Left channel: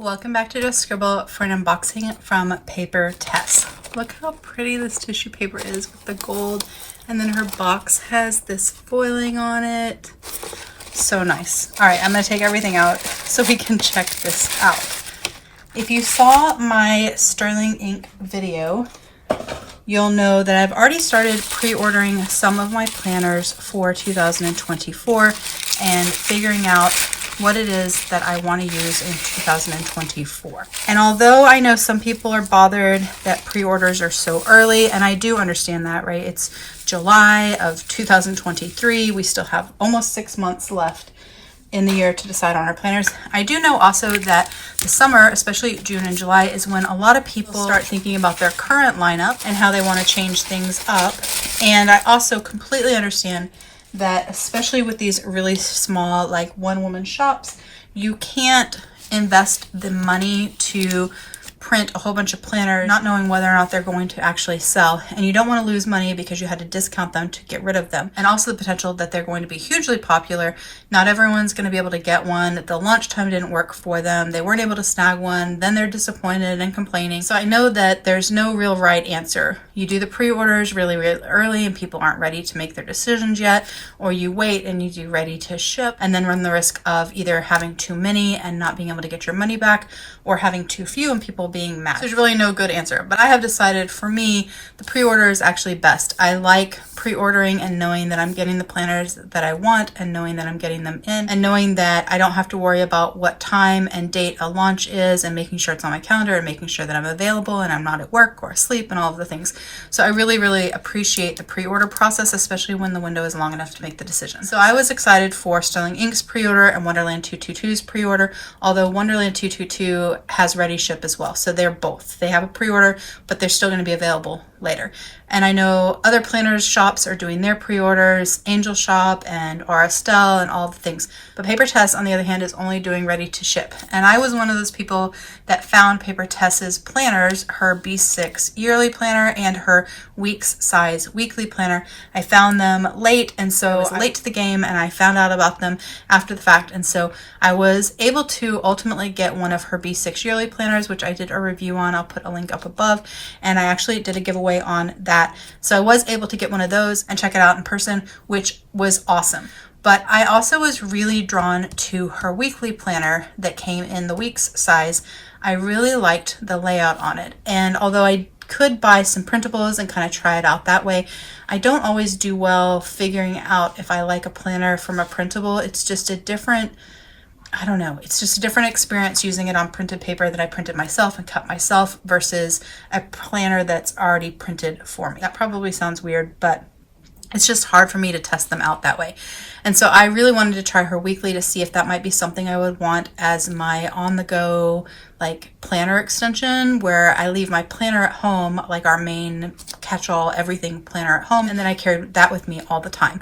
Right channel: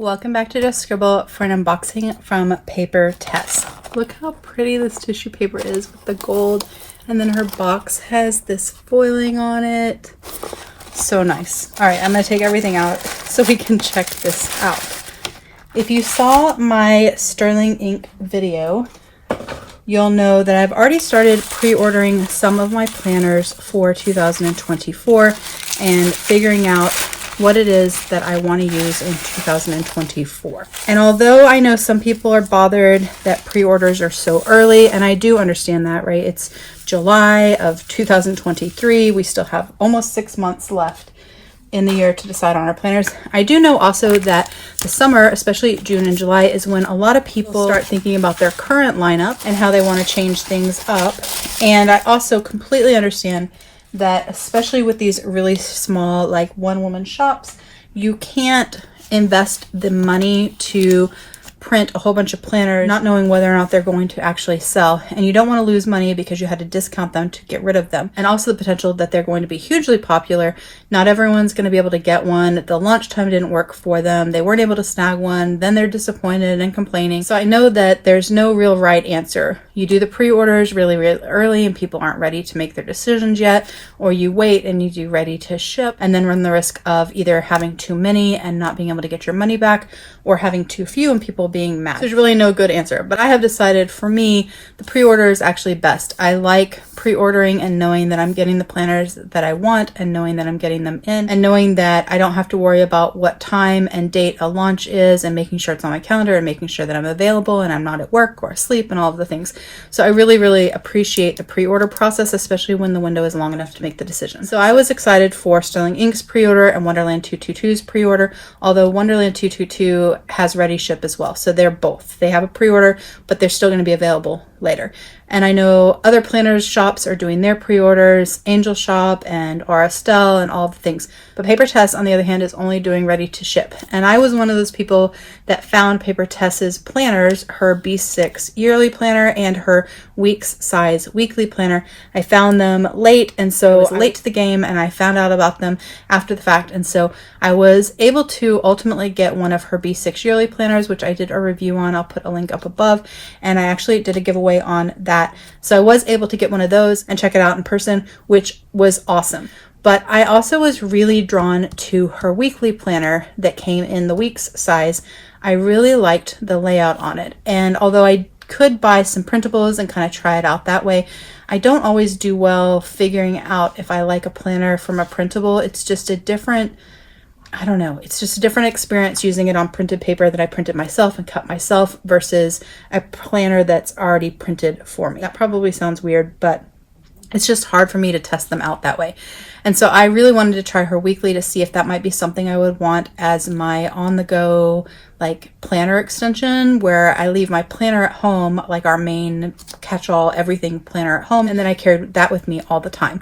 Welcome back to Just Scribble for an unboxing from Papertess. Look how pretty this tissue paper is with the gold, and then her box has this foiling on it. So nice. All right, I'm gonna take everything out so we can check this out. If you saw my sterling ink video, you'll know that I've already started pre-ordering some of my planners for 2024 and figuring out what it is that I want to use in 2024. And although I know some people are bothered that pre-orders are so early, and I do understand that, right? It's July of 2023. We still have almost 6 months left in the year to decide on our planners. I do know also that the summer, especially June and July, is when a lot of people start thinking about their current lineup and how they want to change things up. And I also completely understand that, especially with these really small, like one-woman shops, you can't invest the money to print a whole bunch of planners not knowing whether or not they're going to actually sell, and you don't want to lose money because you had to discount them to get rid of them, and also the potential that they're going to be hugely popular. Not everyone's going to be able to get one. The launch time didn't work for them, they weren't able to snag one, then they're disappointed and complaining. So I know that there's no real right answer. You do the pre-orders really early and people aren't ready to make their decisions yet, or you wait and you do ready to ship and then run the risk of either having too many and not being able to get your money back, or having too few and people being mad. There's really no good answer, but I have decided for me, the pre-order is actually best. I like pre-ordering and knowing that I'm getting the planners that I want, and knowing that I'm getting them in, and knowing that I don't have to worry about what time and date a launch is, and making sure it's on my calendar, and making sure that I'm available and I'm not at work or asleep and all of the things. So I really appreciate the pre-order process, especially when the window is long enough to make the decision. So I was excited for Sterling Ink's pre-order and Wonderland 222's pre-order, although Wonderland 222 has ready ship as well. So they're both. They have a pre-order, but they're still going to be available later. And I know other planners shops are doing their pre-orders, Angel Shop and Aurastel and all the things. But Papertess, on the other hand, is only doing ready to ship. And I was one of those people that found Papertess's planners, her B6 yearly planner and her weeks size weekly planner. I found them late, and so I was late to the game, and I found out about them after the fact. And so I was able to ultimately get one of her B6 yearly planners, which I did a review on. I'll put a link up above. And I actually did a giveaway on that. So I was able to get one of those and check it out in person, which was awesome. But I also was really drawn to her weekly planner that came in the weeks size. I really liked the layout on it. And although I could buy some printables and kind of try it out that way, I don't always do well figuring out if I like a planner from a printable. It's just a different, I don't know, it's just a different experience using it on printed paper that I printed myself and cut myself versus a planner that's already printed for me. That probably sounds weird, but it's just hard for me to test them out that way. And so I really wanted to try her weekly to see if that might be something I would want as my on-the-go like planner extension, where I leave my planner at home, like our main catch-all everything planner at home, and then I carried that with me all the time.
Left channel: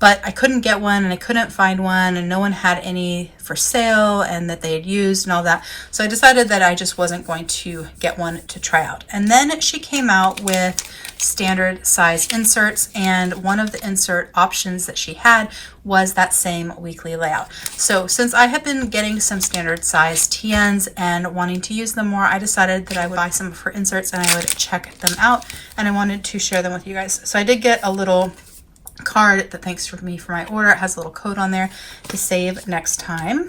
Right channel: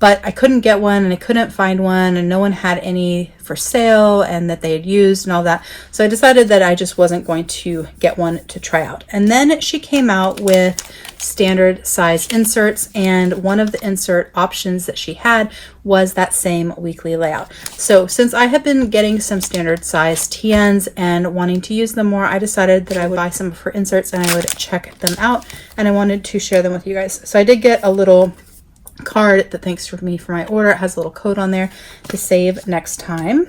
But I couldn't get one, and I couldn't find one, and no one had any for sale and that they had used and all that. So I decided that I just wasn't going to get one to try out. And then she came out with standard size inserts, and one of the insert options that she had was that same weekly layout. So since I have been getting some standard size TNs and wanting to use them more, I decided that I would buy some of her inserts and I would check them out, and I wanted to share them with you guys. So I did get a little card that thanks for me for my order. It has a little code on there to save next time.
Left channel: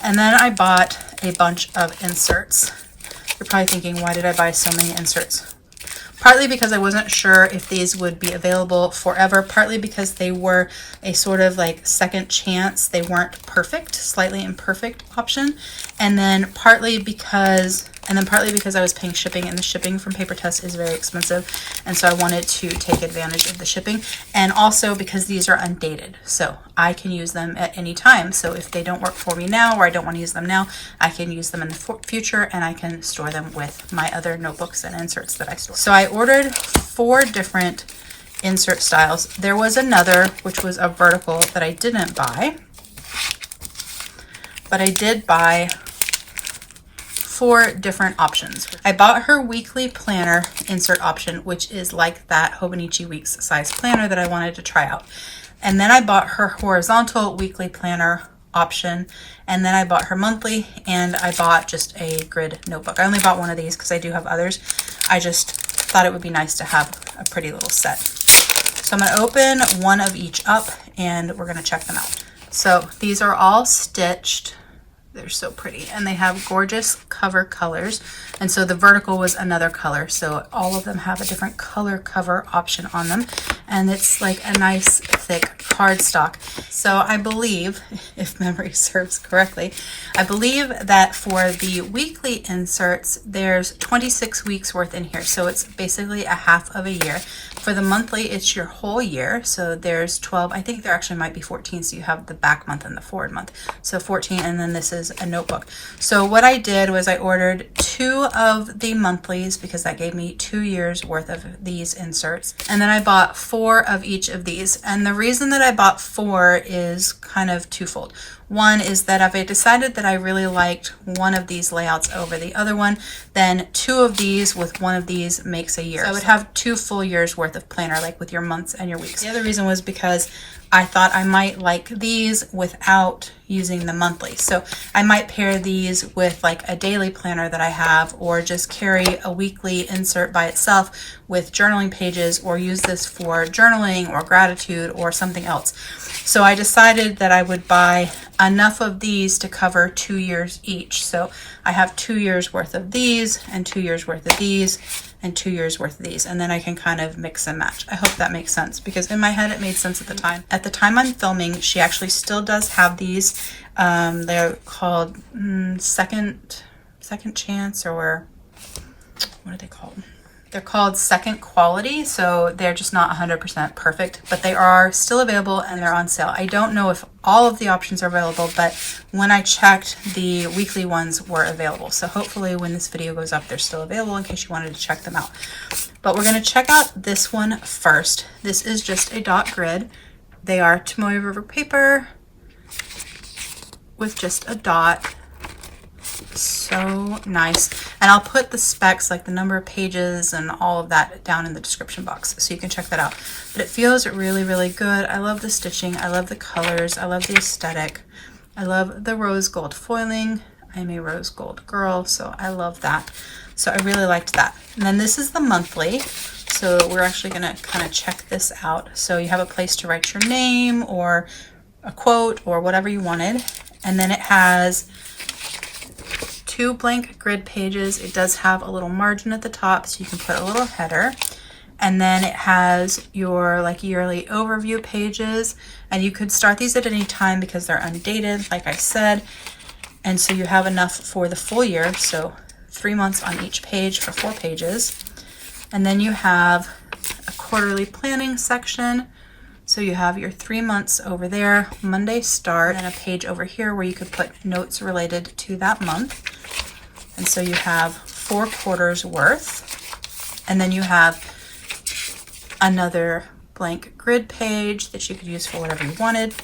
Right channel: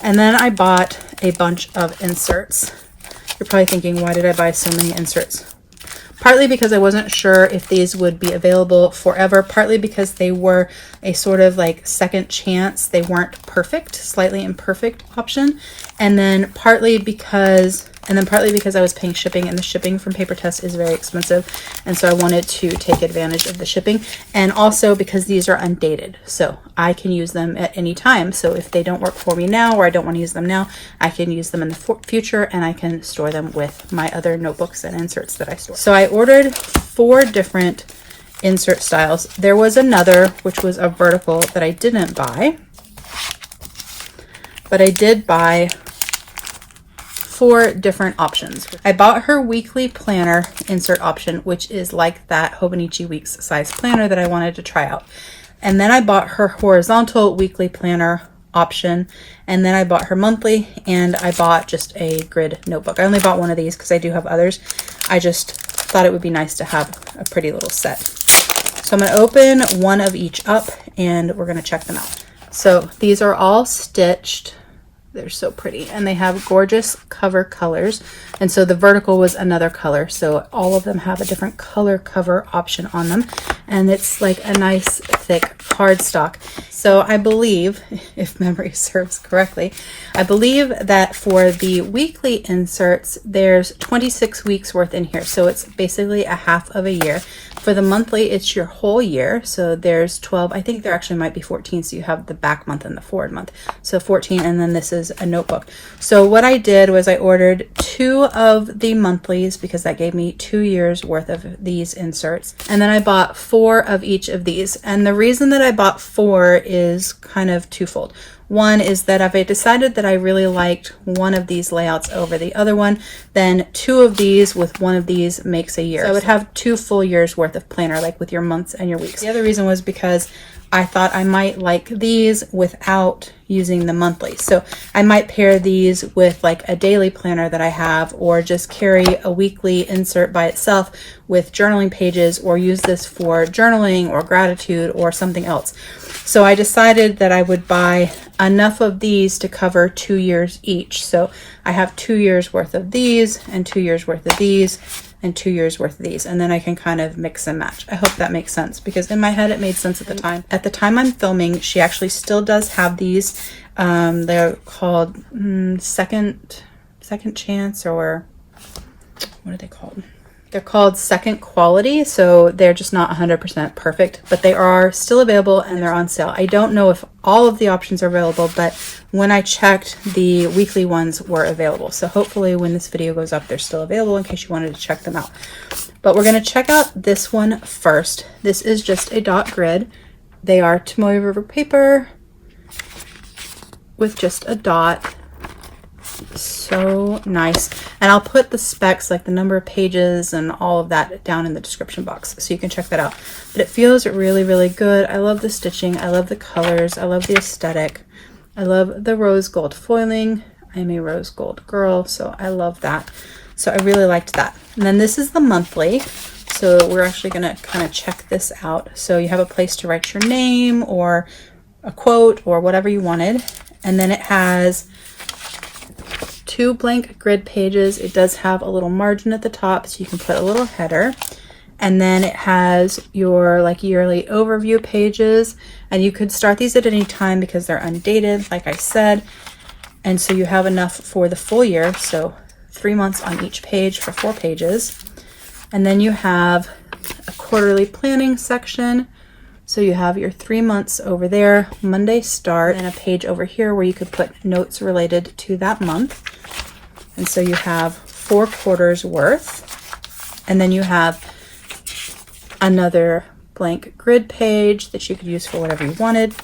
And then I bought a bunch of inserts. You're probably thinking, why did I buy so many inserts? Partly because I wasn't sure if these would be available forever, partly because they were a sort of like second chance. They weren't perfect, slightly imperfect option. And then partly because I was paying shipping, and the shipping from Papertess is very expensive. And so I wanted to take advantage of the shipping. And also because these are undated, so I can use them at any time. So if they don't work for me now, or I don't want to use them now, I can use them in the future, and I can store them with my other notebooks and inserts that I store. So I ordered 4 different insert styles. There was another, which was a vertical, that I didn't buy, but I did buy 4 different options. I bought her weekly planner insert option, which is like that Hobonichi Weeks size planner that I wanted to try out. And then I bought her horizontal weekly planner option, and then I bought her monthly, and I bought just a grid notebook. I only bought one of these because I do have others. I just thought it would be nice to have a pretty little set. So I'm going to open one of each up and we're going to check them out. So these are all stitched. They're so pretty, and they have gorgeous cover colors. And so the vertical was another color, so all of them have a different color cover option on them, and it's like a nice thick cardstock. So I believe, if memory serves correctly, I believe that for the weekly inserts there's 26 weeks worth in here, so it's basically a half of a year. For the monthly, it's your whole year, so there's 12. I think there actually might be 14, so you have the back month and the forward month, so 14, and then this is a notebook. So what I did was I ordered 2 of the monthlies because that gave me 2 years worth of these inserts, and then I bought 4 of each of these. And the reason that I bought 4 is kind of twofold. One is that if I decided that I really liked one of these layouts over the other one, then 2 of these with one of these makes a year. So I would have 2 full years worth of planner, like with your months and your weeks. The other reason was because I thought I might like these without using the monthly. So I might pair these with like a daily planner that I have, or just carry a weekly insert by itself with journaling pages, or use this for journaling or gratitude or something else. So I decided that I would buy enough of these to cover 2 years each. So I have 2 years worth of these, and 2 years worth of these, and 2 years worth of these, and then I can kind of mix and match. I hope that makes sense, because in my head it made sense at the time. At the time I'm filming, she actually still does have these. They're called second chance, or what are they called? They're called second quality, so they're just not 100% perfect, but they are still available and they're on sale. I don't know if all of the options are available, but when I checked, the weekly ones were available. So hopefully when this video goes up, they're still available in case you wanted to check them out. But we're going to check out this one first. This is just a dot grid. They are Tomoe River paper with just a dot. So nice. And I'll put the specs, like the number of pages and all of that, down in the description box so you can check that out. But it feels really, really good. I love the stitching. I love the colors. I love the aesthetic. I love the rose gold foiling. I'm a rose gold girl, so I love that. So I really liked that. And then this is the monthly. So we're actually going to kind of check this out. So you have a place to write your name or a quote or whatever you wanted. And then it has 2 blank grid pages. It does have a little margin at the top, so you can put a little header. And then it has your like yearly overview pages, and you could start these at any time because they're undated, like I said. And so you have enough for the full year, so 3 months on each page for 4 pages. And then you have a quarterly planning section. So you have your 3 months over there, Monday start, and a page over here where you could put notes related to that month. And so you have 4 quarters worth. And then you have another blank grid page that you could use for whatever you wanted.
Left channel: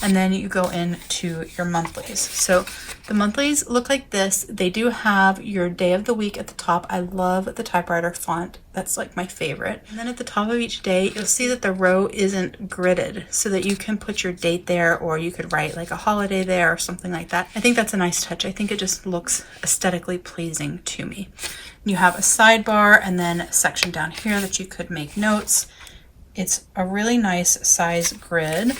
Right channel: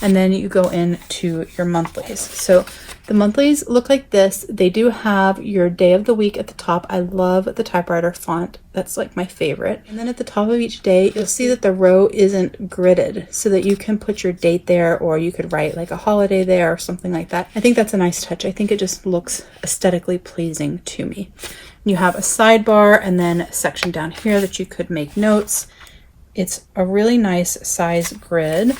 And then you go into your monthlies. So the monthlies look like this. They do have your day of the week at the top. I love the typewriter font. That's like my favorite. And then at the top of each day, you'll see that the row isn't gridded, so that you can put your date there, or you could write like a holiday there or something like that. I think that's a nice touch. I think it just looks aesthetically pleasing to me. You have a sidebar and then a section down here that you could make notes. It's a really nice size grid.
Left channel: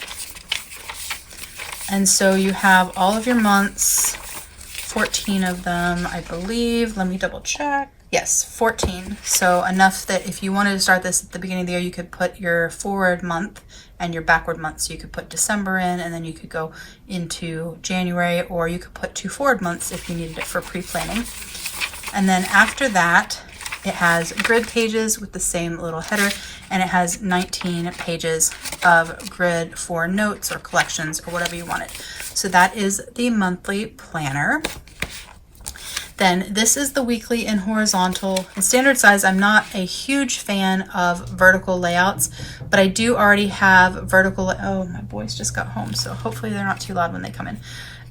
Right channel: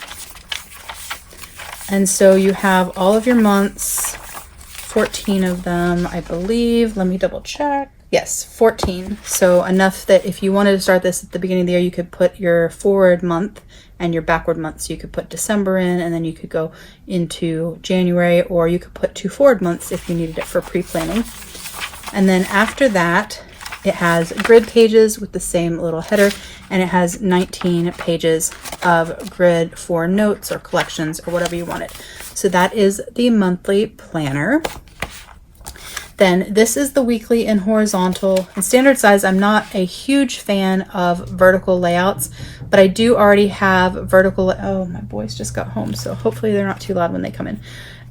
And so you have all of your months, 14 of them, I believe. Let me double check. Yes, 14. So enough that if you wanted to start this at the beginning of the year, you could put your forward month and your backward month. So you could put December in, and then you could go into January, or you could put 2 forward months if you needed it for pre-planning. And then after that, it has grid pages with the same little header, and it has 19 pages of grid for notes or collections or whatever you wanted. So that is the monthly planner. Then this is the weekly in horizontal and standard size. I'm not a huge fan of vertical layouts, but I do already have vertical. Oh, my boys just got home, so hopefully they're not too loud when they come in.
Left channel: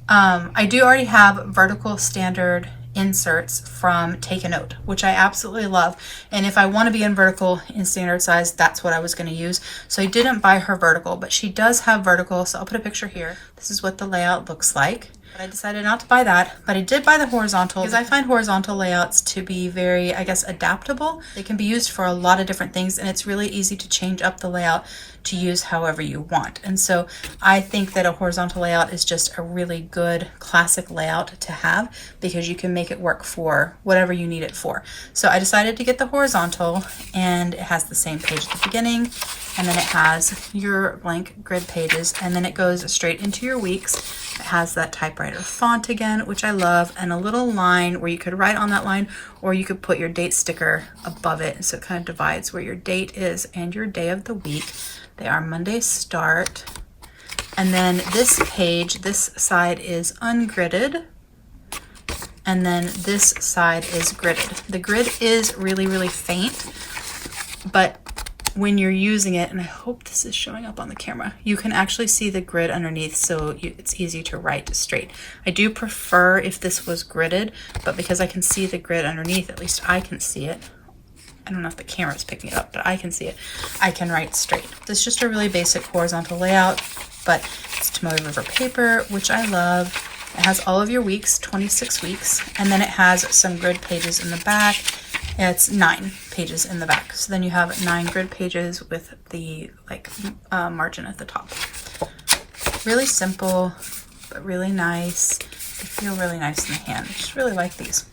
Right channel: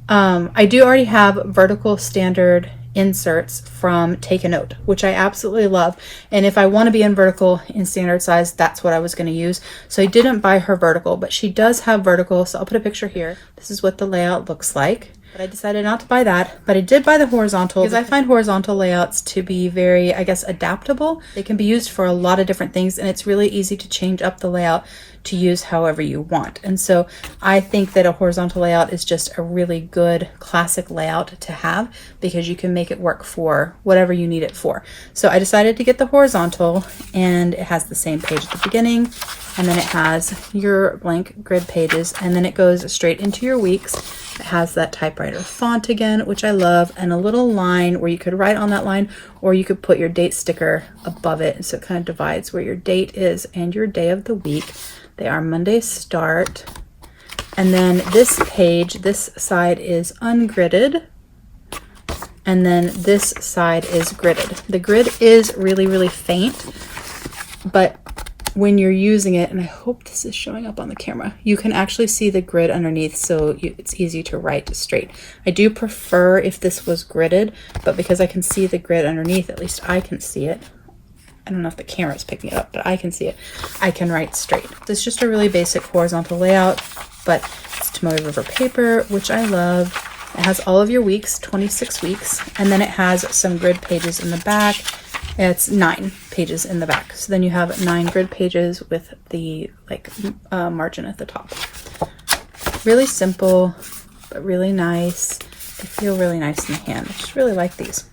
I do already have vertical standard inserts from Take a Note, which I absolutely love. And if I want to be in vertical in standard size, that's what I was going to use. So I didn't buy her vertical, but she does have vertical. So I'll put a picture here. This is what the layout looks like. But I decided not to buy that, but I did buy the horizontal because I find horizontal layouts to be very, I guess, adaptable. They can be used for a lot of different things, and it's really easy to change up the layout to use however you want. And so I think that a horizontal layout is just a really good classic layout to have because you can make it work for whatever you need it for. So I decided to get the horizontal, and it has the same page at the beginning, and then it has your blank grid pages, and then it goes straight into your weeks. It has that typewriter font again, which I love, and a little line where you could write on that line, or you could put your date sticker above it. So it kind of divides where your date is and your day of the week. They are Monday start. And then this page, this side is ungridded. And then this side is gridded. The grid is really, really faint, but when you're using it, and I hope this is showing up on the camera, you can actually see the grid underneath, so it's easy to write straight. I do prefer if this was gridded, but because I can see the grid underneath, at least I can see it. I don't know if the camera's picking it up, but I can see it. I can write straight. This is just a really basic horizontal layout, but it's tomoe river paper, which I love. It has all of your weeks, 26 weeks, and then it has some grid pages in the back. It's 9 pages in the back. So then you have 9 grid pages with the margin at the top. Really simple, but really nice. They feel really nice in the hand. I just really like these.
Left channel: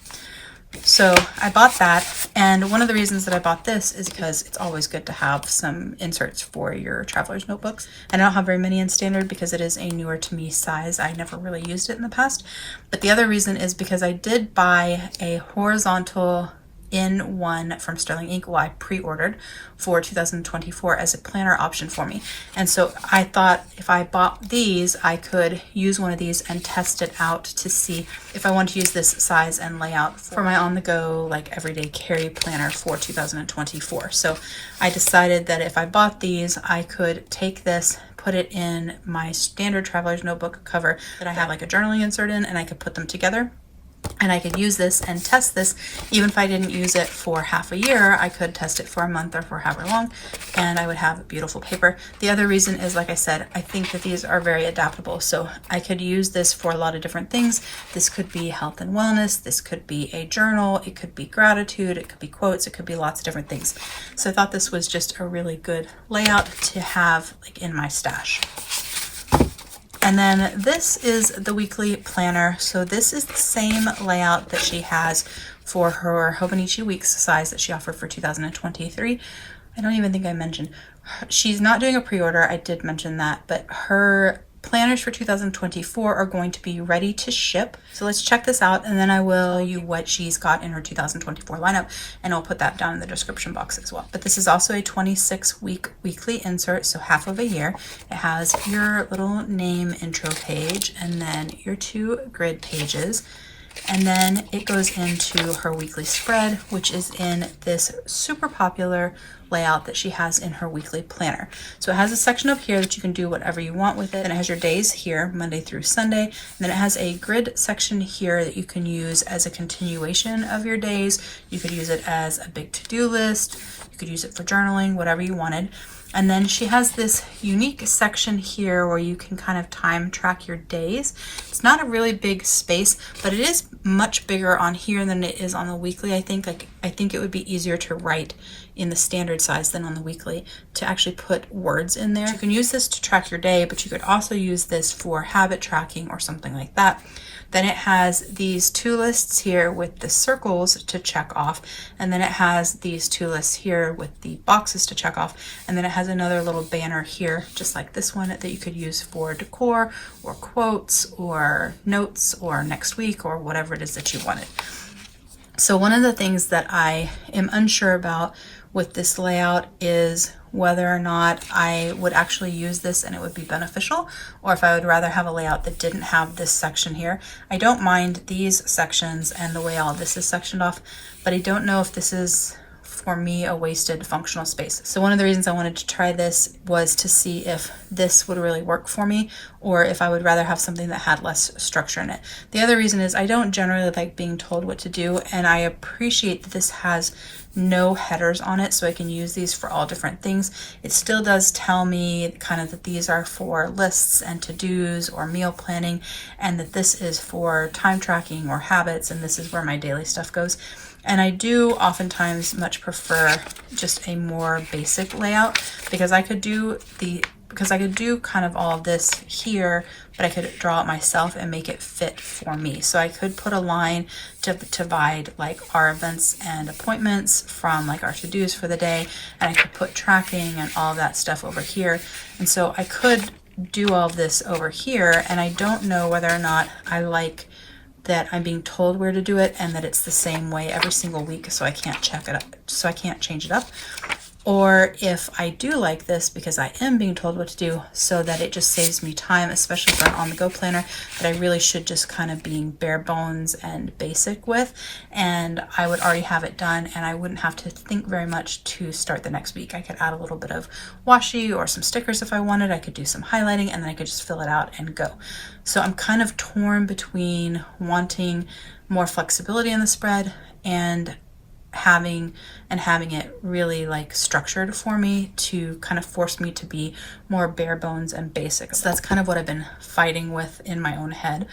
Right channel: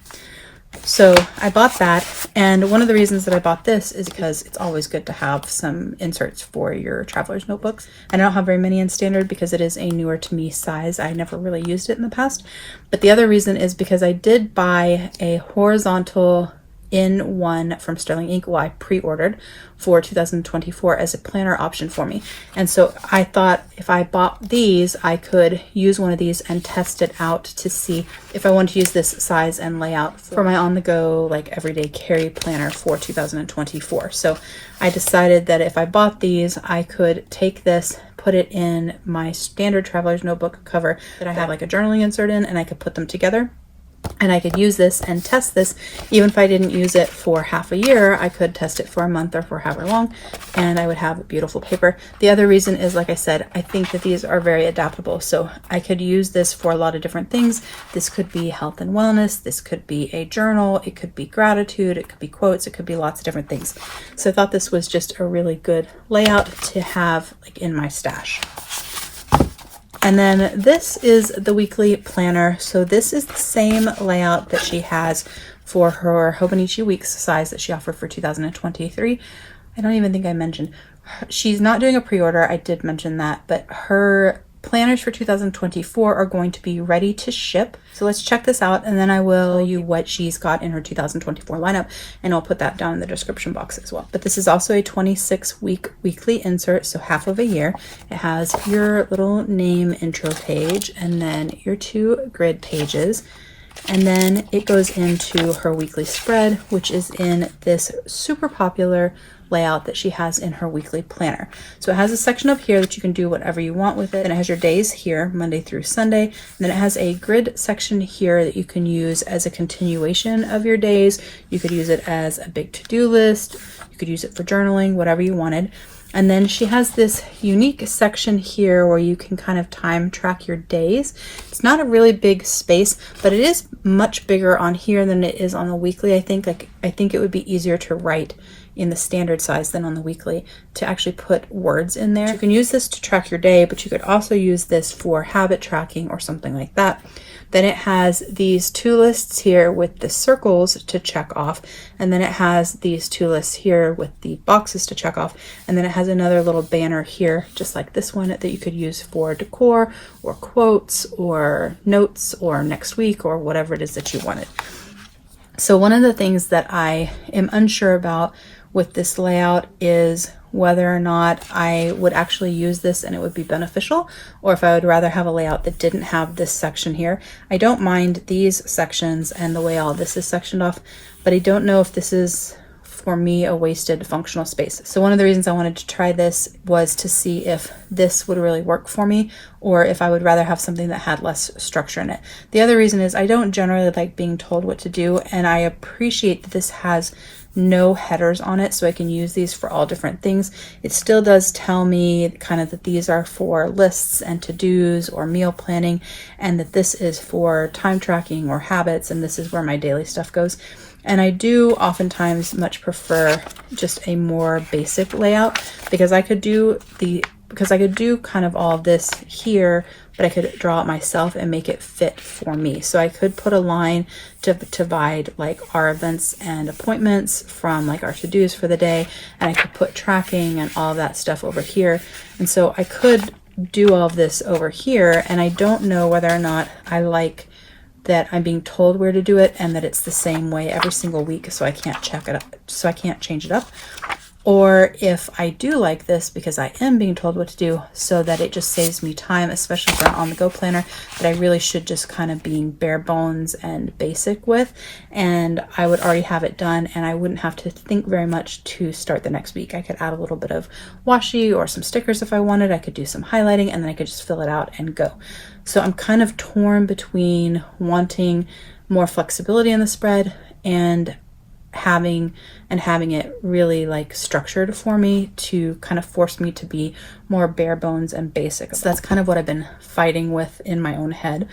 So I bought that, and one of the reasons that I bought this is because it's always good to have some inserts for your traveler's notebooks. And I don't have very many in standard because it is a newer to me size. I never really used it in the past. But the other reason is because I did buy a horizontal in one from Sterling Ink. Well, I pre-ordered for 2024 as a planner option for me. And so I thought if I bought these, I could use one of these and test it out to see if I want to use this size and layout for my on-the-go, like everyday carry planner for 2024. So I decided that if I bought these, I could take this, put it in my standard traveler's notebook cover that I have like a journaling insert in, and I could put them together. And I could use this and test this. Even if I didn't use it for half a year, I could test it for a month or for however long, and I would have beautiful paper. The other reason is, like I said, I think that these are very adaptable. So I could use this for a lot of different things. This could be health and wellness. This could be a journal. It could be gratitude. It could be quotes. It could be lots of different things. So I thought this was just a really good layout to have like in my stash. And then this is the weekly planner. So this is the same layout that she has for her Hobonichi Weeks size that she offered for 2023. I don't even think I mentioned. She's not doing a pre-order. I did mention that, but her planners for 2024 are going to be ready to ship. So let's check this out, and then I will tell you what she's got in her 2024 lineup, and I'll put that down in the description box as well. But this is also a 26-week weekly insert, so half of a year. It has your little name intro page, and then your 2 grid pages. And then it goes into her weekly spread, which is in this super popular layout that she has in her weekly planner. So it has a section up here that you can do whatever you want with it. And it has your days here, Monday through Sunday. And then it has a grid section here that you can use as a continuation of your days. You could use it as a big to-do list. You could use it for journaling, whatever you wanted. And then she has this unique section here where you can kind of time track your days. It's not a really big space, but it is much bigger on here than it is on the weekly. I think it would be easier to write in the standard size than on the weekly to actually put words in there. You can use this to track your day, but you could also use this for habit tracking or something like that. Then it has these 2 lists here with the circles to check off, and then it has these 2 lists here with the boxes to check off, and then it has another little banner here just like this one that you could use for decor or quotes or notes or next week or whatever it is that you wanted. So one of the things that I am unsure about with this layout is whether or not I would actually use this and it would be beneficial, or if I would rather have a layout that didn't have this section here. I don't mind these sections and the way all this is sectioned off, but I don't know if this is for me, a wasted functional space. So one of the reasons I wanted to try this was to see if this would really work for me, or if I would rather have something that had less structure in it. The other reason is I don't generally like being told what to do, and I appreciate that this has no headers on it, so I can use these for all different things. It still does tell me kind of that these are for lists and to-dos or meal planning, and that this is for time tracking or habits, and this is where my daily stuff goes. And I do oftentimes much prefer just a more basic layout, because I could do kind of all of this here, but I could draw it myself and make it fit for me. So I could put a line to divide like our events and appointments from like our to-dos for the day, and I could put tracking and all of that stuff over here. And so I could do all of this over here, and I don't know whether or not I like that I'm being told where to do it and that it's the same way every single week, so I can't check it up, so I can't change it up. Or if I do like this because I am being told what to do, so that it just saves me time, especially for an on-the-go planner that I really should just kind of being bare bones and basic with, and I would already have it done and I wouldn't have to think very much to start the next week. I could add a little bit of washi or some stickers if I wanted. I could do some highlighting, and then I could just fill it out and go. So I'm kind of torn between wanting more flexibility in the spread and having it really like structured for me to kind of force me to be more bare bones and basic. So that's kind of what I've been fighting with in my own head,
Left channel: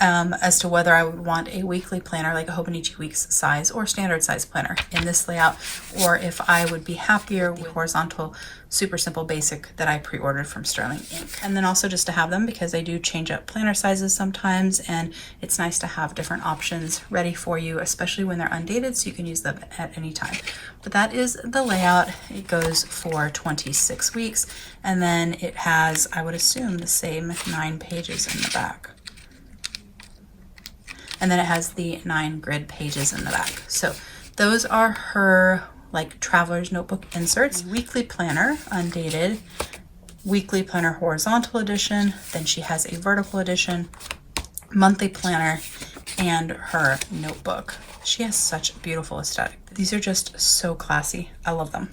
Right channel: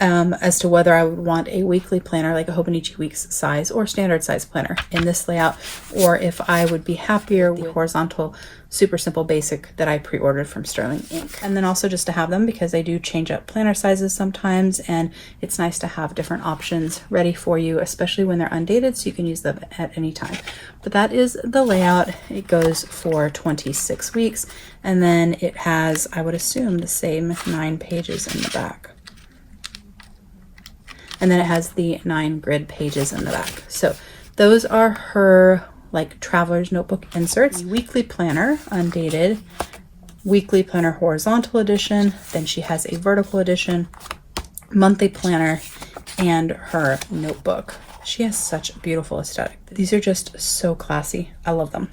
as to whether I would want a weekly planner like a Hobonichi Weeks size or standard size planner in this layout, or if I would be happier with the horizontal super simple basic that I pre-ordered from Sterling Ink. And then also just to have them, because I do change up planner sizes sometimes, and it's nice to have different options ready for you, especially when they're undated, so you can use them at any time. But that is the layout. It goes for 26 weeks, and then it has, I would assume, the same 9 pages in the back. And then it has the 9 grid pages in the back. So those are her like traveler's notebook inserts. Weekly planner, undated, weekly planner horizontal edition, then she has a vertical edition, monthly planner, and her notebook. She has such a beautiful aesthetic. These are just so classy. I love them.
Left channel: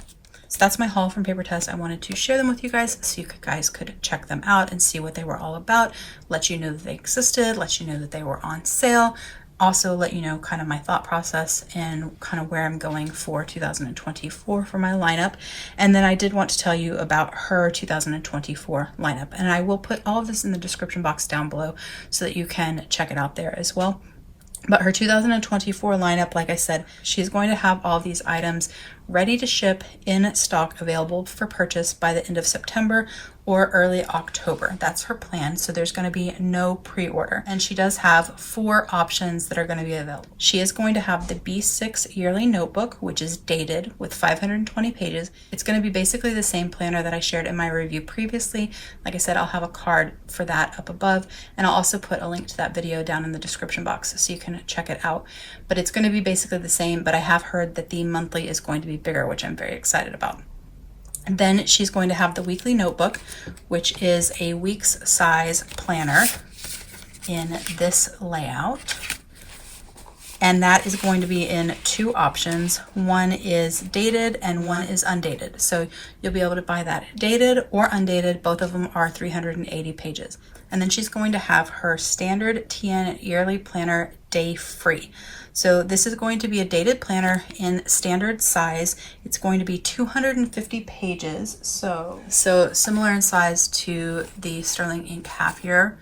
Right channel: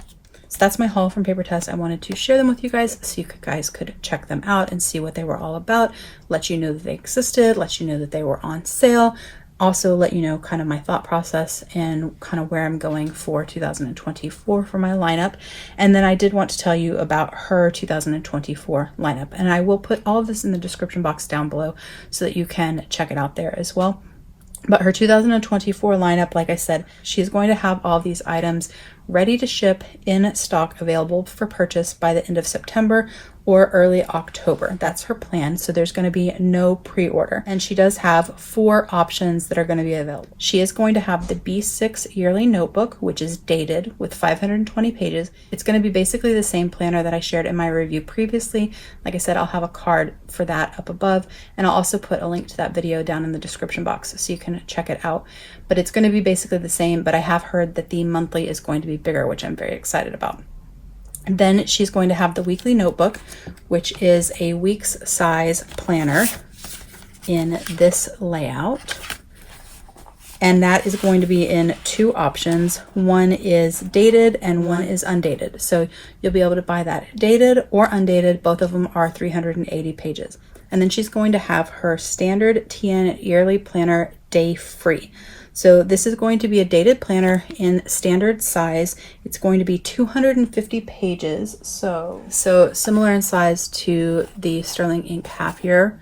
So that's my haul from Papertess. I wanted to share them with you guys so you guys could check them out and see what they were all about, let you know that they existed, let you know that they were on sale, also let you know kind of my thought process and kind of where I'm going for 2024 for my lineup. And then I did want to tell you about her 2024 lineup, and I will put all of this in the description box down below so that you can check it out there as well. But her 2024 lineup, like I said, she's going to have all these items ready to ship in stock, available for purchase by the end of September or early October. That's her plan. So there's going to be no pre-order. And she does have 4 options that are going to be available. She is going to have the B6 yearly notebook, which is dated with 520 pages. It's going to be basically the same planner that I shared in my review previously. Like I said, I'll have a card for that up above, and I'll also put a link to that video down in the description box so you can check it out. But it's going to be basically the same, but I have heard that the monthly is going to be bigger, which I'm very excited about. And then she's going to have the weekly notebook, which is a week's size planner in this layout. And that is going to be in 2 options. One is dated and one is undated. So you'll be able to buy that dated or undated. Both of them are 380 pages. And then she's going to have her standard TN yearly planner day free. So this is going to be a dated planner in standard size. It's going to be 250 pages. So similar in size to the Sterling Ink half year,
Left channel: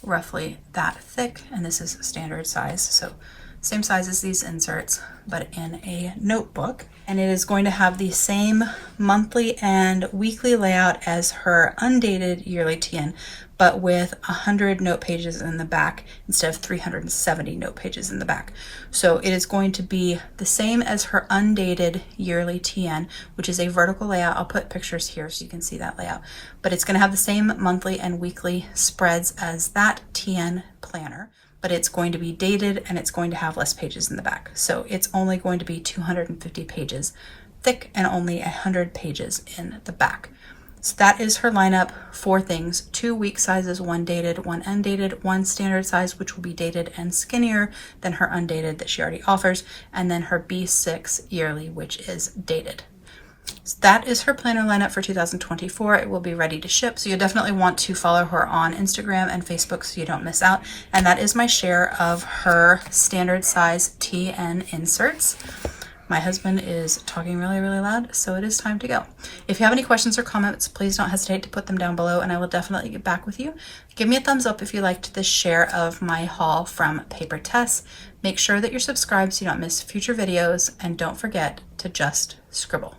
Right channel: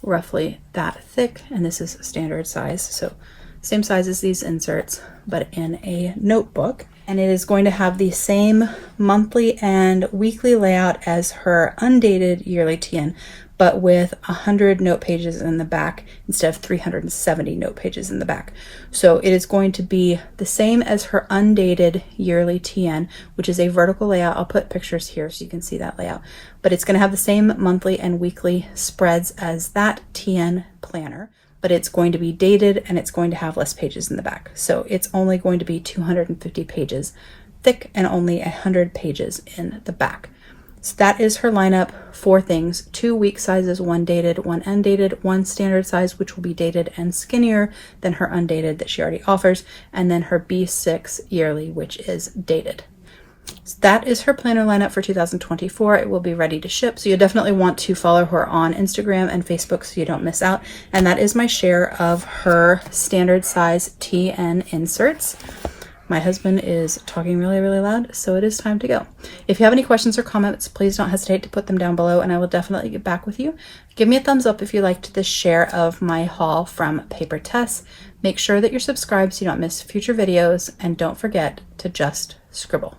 roughly that thick. And this is standard size. So same size as these inserts, but in a notebook. And it is going to have the same monthly and weekly layout as her undated yearly TN, but with 100 note pages in the back instead of 370 note pages in the back. So it is going to be the same as her undated yearly TN, which is a vertical layout. I'll put pictures here so you can see that layout. But it's going to have the same monthly and weekly spreads as that TN planner, but it's going to be dated and it's going to have less pages in the back. So it's only going to be 250 pages thick and only 100 pages in the back. So that is her lineup. 4 things: 2 week sizes, 1 dated, 1 undated, 1 standard size, which will be dated and skinnier than her undated that she already offers, and then her B6 yearly, which is dated. So that is her planner lineup for 2024. It will be ready to ship, so you'll definitely want to follow her on Instagram and Facebook so you don't miss out. And that is my share of her standard size TN inserts. My husband is talking really, really loud, so it is time to go. If you have any questions or comments, please don't hesitate to put them down below, and I will definitely get back with you. Give me a thumbs up if you liked this share of my haul from Papertess. Make sure that you're subscribed so you don't miss future videos, and don't forget to just scribble.